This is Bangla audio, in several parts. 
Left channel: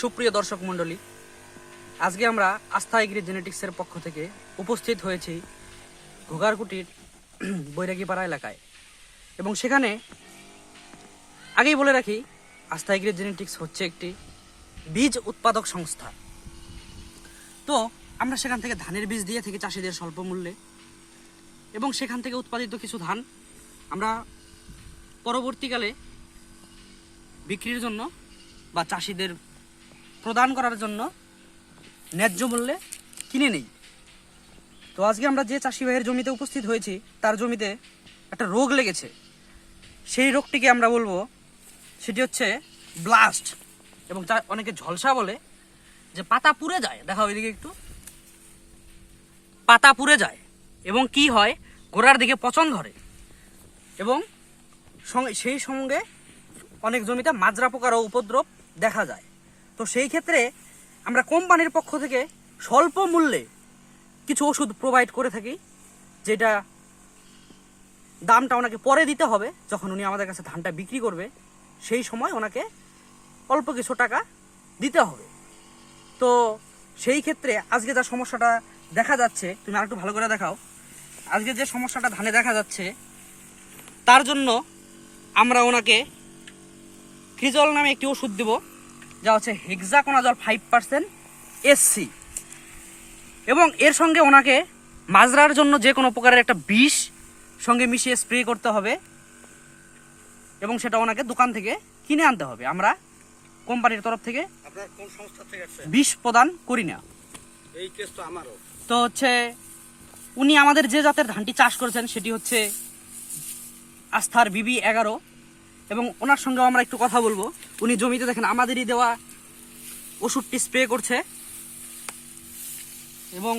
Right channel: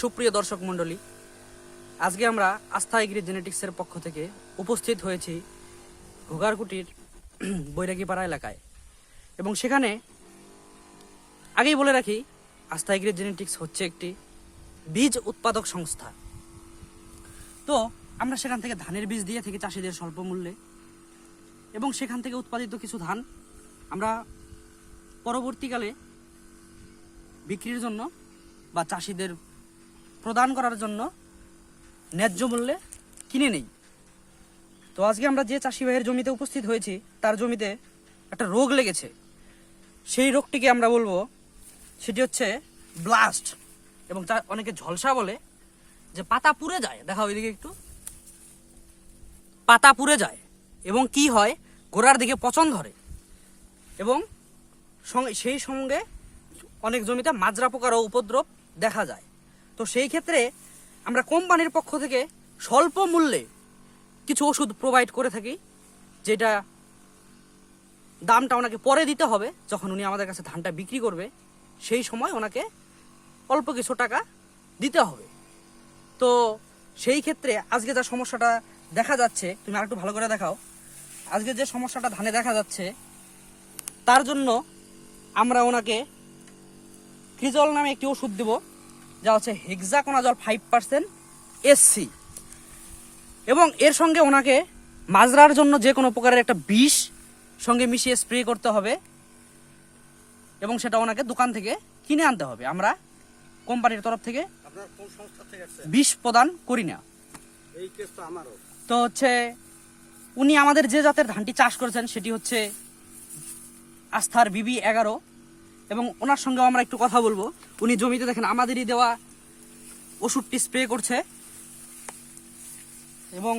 সুপ্রিয় দর্শক মণ্ডলী, আজকে আমরা আস্থা এগ্রি জেনেটিক্সের পক্ষ থেকে উপস্থিত হয়েছি ঘোগারকুটির বৈরাগীপাড়া এলাকায়। এবং সেখানে আগেই বলে রাখি, আস্থা এগ্রি জেনেটিক্স হচ্ছে একটি বীজ উৎপাদক সংস্থা। তো আমরা সেখান থেকে ধানের বীজ দিয়ে থাকি চাষিদের স্বল্প মূল্যে, এবং সেখান থেকে উৎপাদিত কিছু ধান আমরা পরবর্তীকালে বিক্রির জন্য বা চাষিদের প্রদান করার জন্য ন্যায্য মূল্যে কিনে নেই। তো আজকে আমরা যে চাষি ভাইয়ের জমিতে উপস্থিত হয়েছি, তার জমিতে একটা রোগ লেগেছে। সেই রোগটিকে আমরা বলবো সেটি হচ্ছে ব্লাস্ট, এবং অনেকে ঝলসা বলে, যে পাতা পুড়ে যায়। দেখা ওইদিকে একটু, পাতা পুড়ে যায় এবং কি হয়, গোড়ার দিকে পচন ধরে, এবং সেই সঙ্গে অনেক জমিতে মাজরা পোকারও উপদ্রব দেখা যায়। তো সেই ক্ষেত্রে আমরা কোম্পানির পক্ষ থেকে স্বল্প মূল্যে কিছু ওষুধ প্রোভাইড করে থাকি, যেটা দামটা ওনাকে পরে দিতে হবে। যখন উনি আমাদের কাছে ধানটা বিক্রি করবে, সেই সময় ওনাকে অল্প কিছু টাকা দিতে হবে। তো সেই ক্ষেত্রে আজকে যা সমস্যাটা দেখা যাচ্ছে, তুমি আরেকটু ভালো করে দেখাও, আজকে যে সমস্যাটা ধানে দেখা যাচ্ছে, তার জন্য আমরা ওনাকে ক্রিজল নামে একটি ওষুধ দেব, যা হচ্ছে হেক্সাকোনাজল 5% SC, এবং এর সঙ্গে ওনাকে মাজরার জন্য যে কোনো প্রকারের একটা বিষ সঙ্গে মিশিয়ে স্প্রে করতে হবে, এবং সেটা ওনাকে দোকান থেকে কিনে আনতে হবে। আমরা কোম্পানির তরফ থেকে বিষ প্রদান করি না। তো হচ্ছে উনি আমাদের যে জাতের ধানটি চাষ করেছেন সেটি হচ্ছে আস্থার BB11, এবং ওনার সঙ্গে আমরা একটু কথা বলবো। উনি জমিতে দেখেন আমাদেরই দেওয়া ওষুধটি স্প্রে করছে। এবং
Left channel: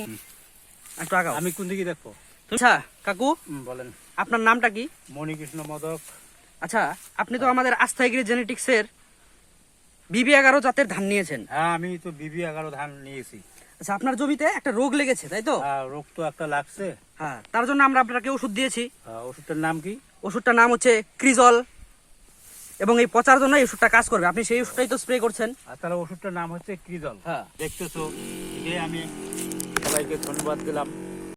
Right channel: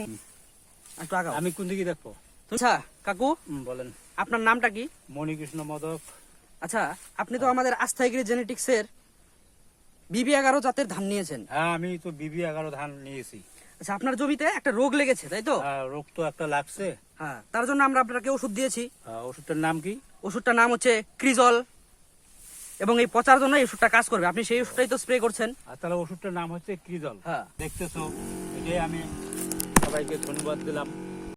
একটু আগাও, আমি কোন দিকে দেখবো? আচ্ছা কাকু, বলেন। আপনার নামটা কি? মণিকৃষ্ণ মোদক। আচ্ছা, আপনি তো আমাদের আস্থা এগ্রি জেনেটিক্সের BB11 জাতের ধান নিয়েছেন। হ্যাঁ, আমি তো BB11 ধান নিয়েছি। আচ্ছা, আপনার জমিতে একটা রোগ লেগেছে, তাই তো? হ্যাঁ, রোগ তো একটা লাগছে। হ্যাঁ, তার জন্য আমরা আপনাকে ওষুধ দিয়েছি। ওষুধটার নাম কি? ওষুধটার নাম হচ্ছে ক্রিজল, এবং এই পচার জন্য এই ওষুধটা কাজ করবে। আপনি সেই ওষুধটাই তো স্প্রে করছেন। আর তাহলে ওষুধটার নাম হচ্ছে ক্রিজল। হ্যাঁ, দেখতেছো, এটাই আমি সবাইকে ধন্যবাদ দিলাম।